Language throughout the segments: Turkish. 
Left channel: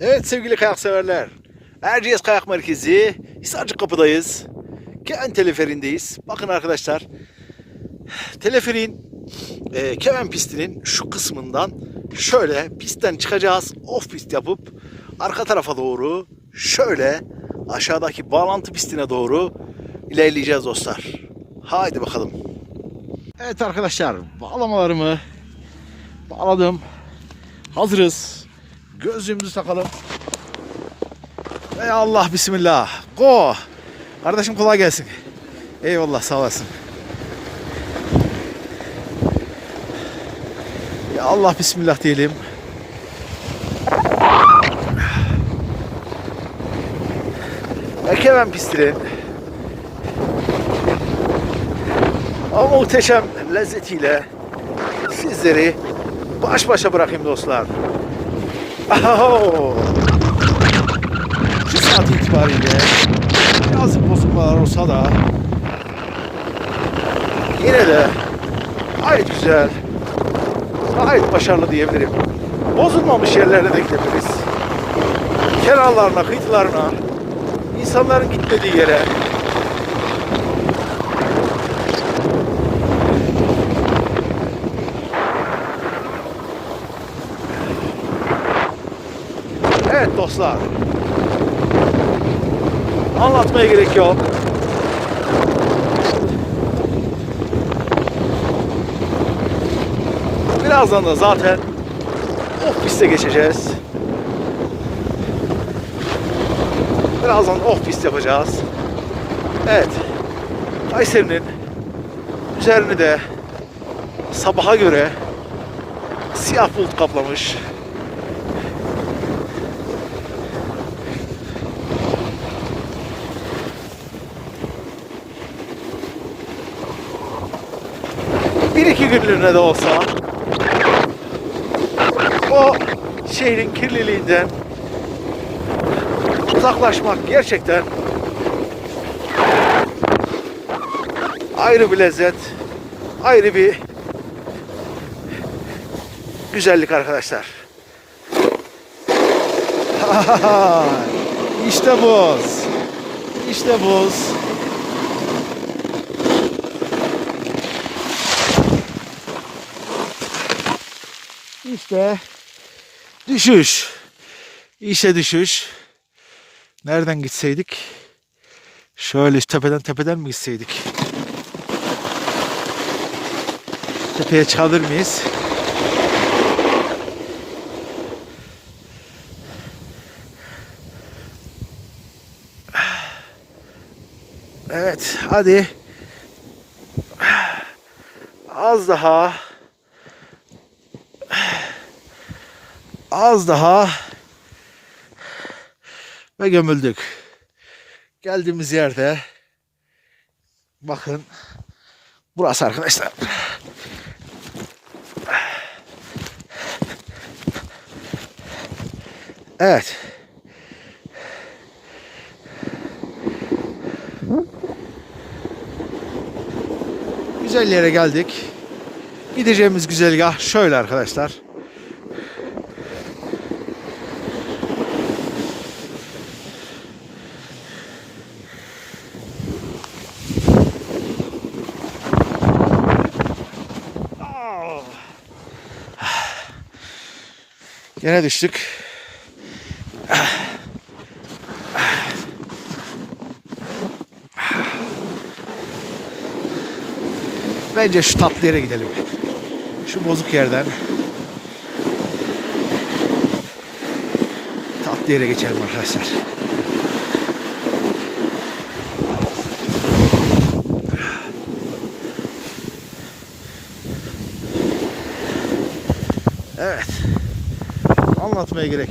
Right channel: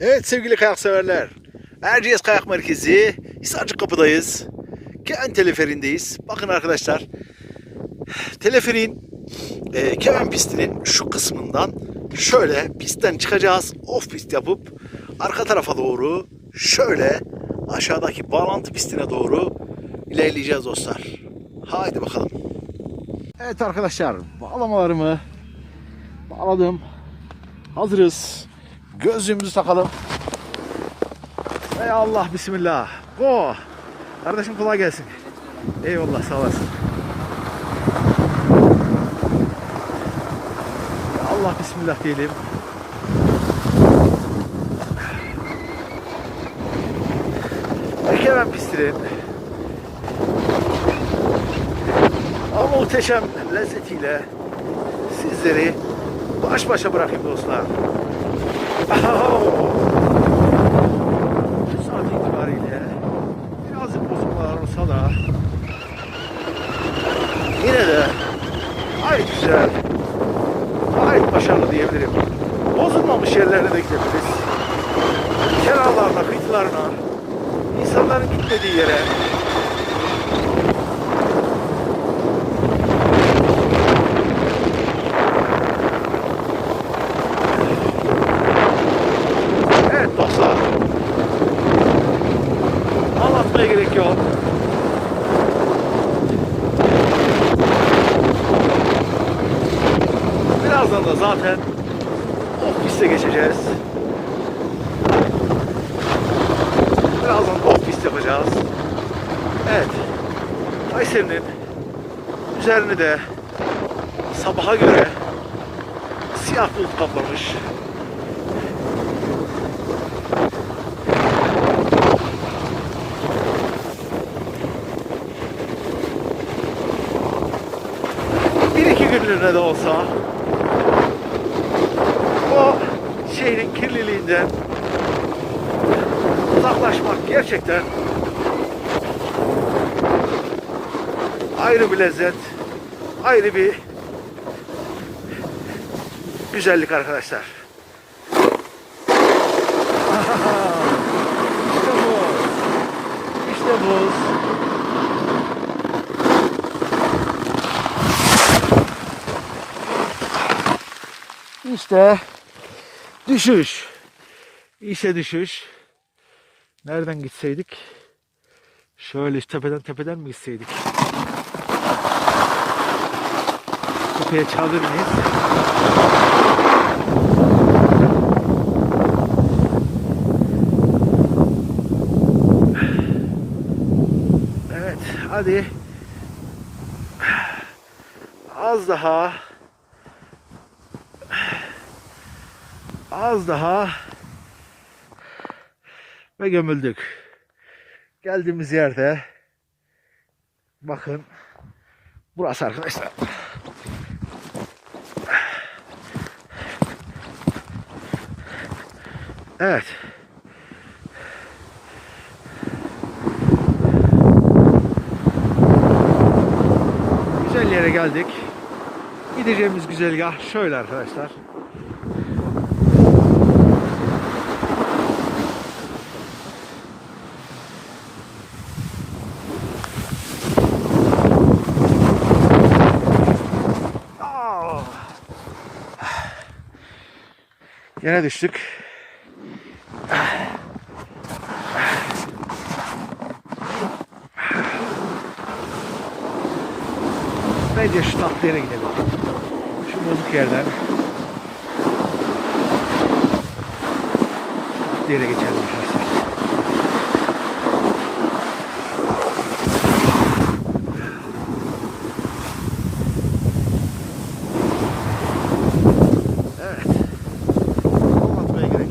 Evet sevgili kayak severler. Erciyes Kayak Merkezi Hisarcık Kapı'dayız. Keven teleferindeyiz. Bakın arkadaşlar. Teleferin e, Keven pistinin şu kısmından şöyle pistten çıkacağız. Off pist yapıp arka tarafa doğru şöyle aşağıdaki bağlantı pistine doğru ilerleyeceğiz dostlar. Haydi bakalım. Evet arkadaşlar bağlamalarımı bağladım. Hazırız. Gözlüğümüzü takalım. Ey Allah bismillah. Go. Kardeşim kolay gelsin. Eyvallah sağ olasın. Allah bismillah diyelim. Ekemen pistinin o muhteşem lezzetiyle sizleri baş başa bırakayım dostlar. Şu saat itibariyle biraz bozulmalar olsa da yine de gayet güzel, gayet başarılı diyebilirim. Bozulmamış yerlere de gideriz. Kenarlarına, kıyılarına, insanların gitmediği yere Evet dostlar. Anlatmaya gerek yok. Birazdan da zaten off piste geçeceğiz. Birazdan off pist yapacağız. Evet. Kayseri'nin üzerini de sabaha göre siyah bulut kaplamış. bir iki günlüğüne de olsa o şehrin kirliliğinden uzaklaşmak gerçekten ayrı bir lezzet, ayrı bir güzellik arkadaşlar. işte buz. İşte buz. İşte düşüş. İşe düşüş. Nereden gitseydik? Şöyle tepeden tepeden mi gitseydik? Tepeye çadır mıyız? Evet, hadi. Az daha. Az daha ve gömüldük. Geldiğimiz yerde bakın burası arkadaşlar. Evet. Güzel yere geldik. Gideceğimiz güzergah şöyle arkadaşlar. Yine düştük. Bence şu tatlı yere gidelim. Şu bozuk yerden. Tatlı yere geçelim arkadaşlar. Evet. Anlatmaya gerek.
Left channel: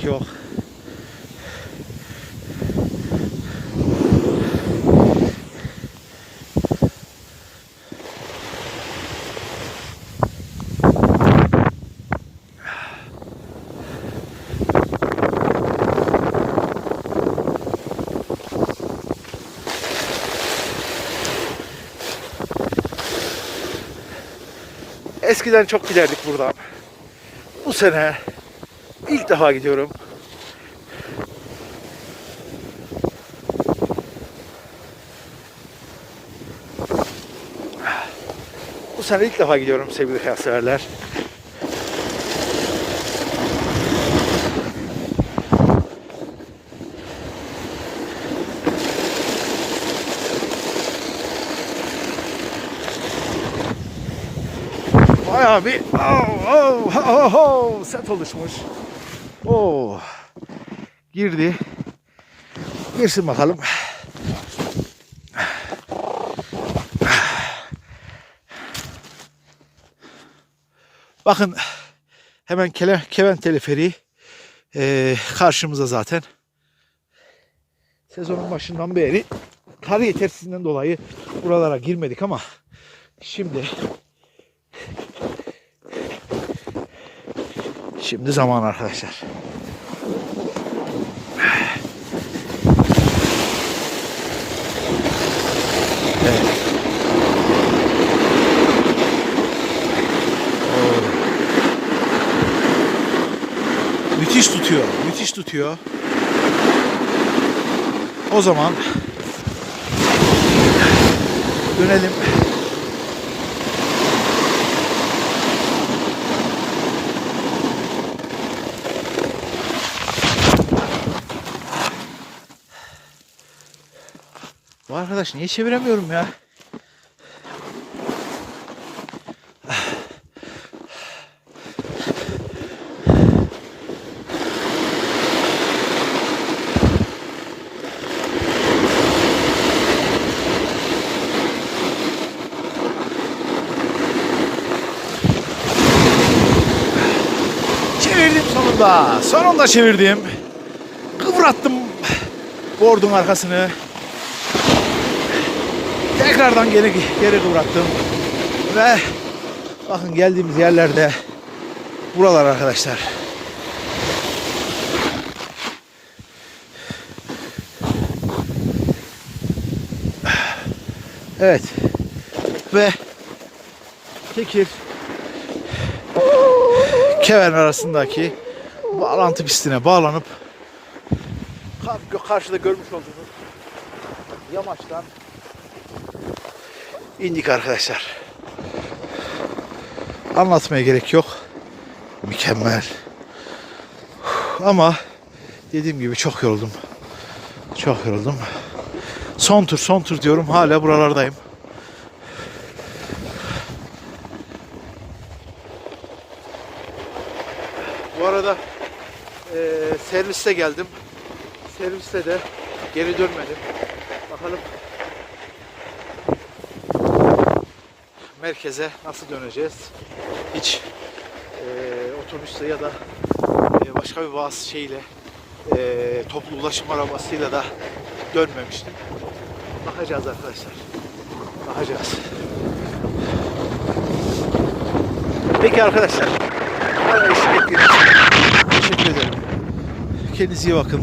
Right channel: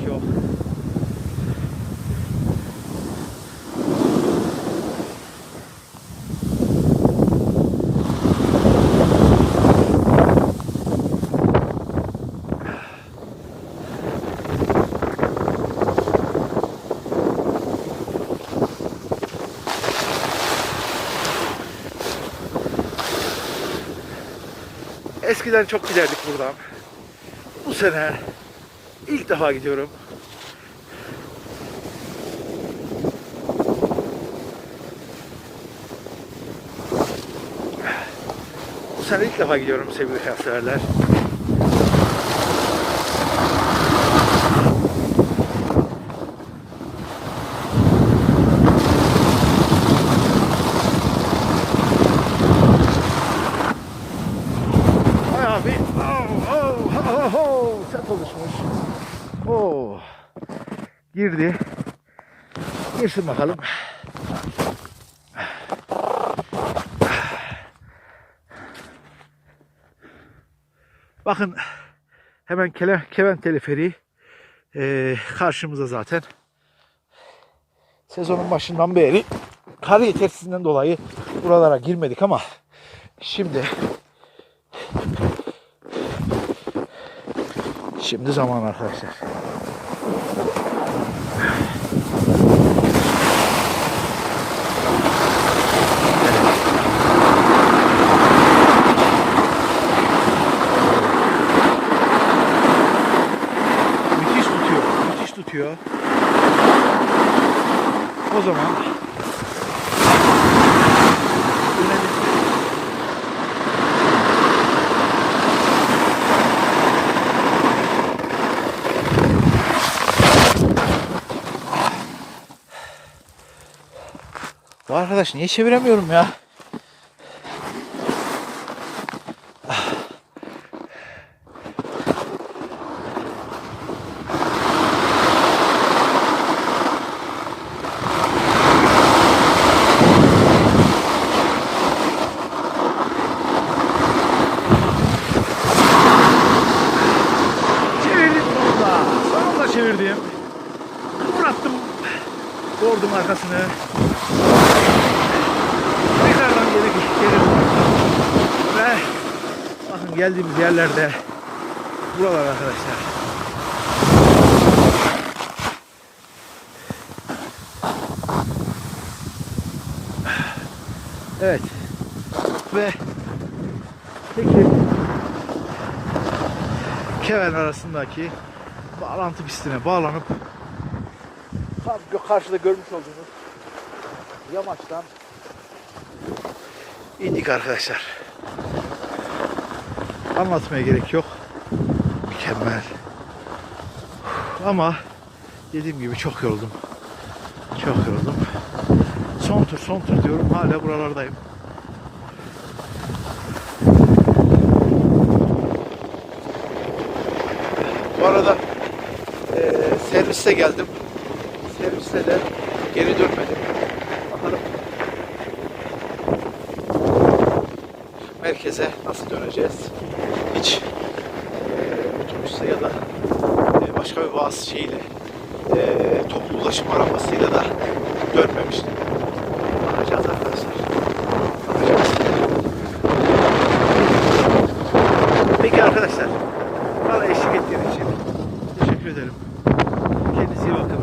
Eskiden çok giderdik buradan. Bu sene İlk defa gidiyorum. Bu sene ilk defa gidiyorum sevgili hayatseverler. Bayağı bir oh, oh, oh, oh, oh set oluşmuş. Oh. Girdi. Girsin bakalım. Bakın hemen Kele, Keven teleferiği eee karşımıza zaten. Sezonun başından beri kar yetersizliğinden dolayı buralara girmedik ama şimdi şimdi zaman arkadaşlar. Müthiş tutuyor. Müthiş tutuyor. O zaman dönelim. Bu arkadaş niye çeviremiyorum ya? Çevirdim sonunda. Sonunda çevirdim. Kıvrattım bordun arkasını. Tekrardan geri geri kıvrattım. Ve bakın geldiğimiz yerlerde buralar arkadaşlar. Evet. Ve Tekir Keven arasındaki bağlantı pistine bağlanıp kar- karşıda görmüş olduğunuz yamaçtan indik arkadaşlar. Anlatmaya gerek yok. Mükemmel. Ama dediğim gibi çok yoruldum. Çok yoruldum. Son tur son tur diyorum hala buralardayım. Bu arada eee serviste geldim. Serviste de geri dönmedim. Merkeze nasıl döneceğiz? Hiç eee otobüste ya da başka bir bazı şeyle eee toplu ulaşım arabasıyla da dönmemiştim. Bakacağız arkadaşlar. Bakacağız. Peki arkadaşlar. Ettiğiniz için teşekkür ederim. Kendinize iyi bakın.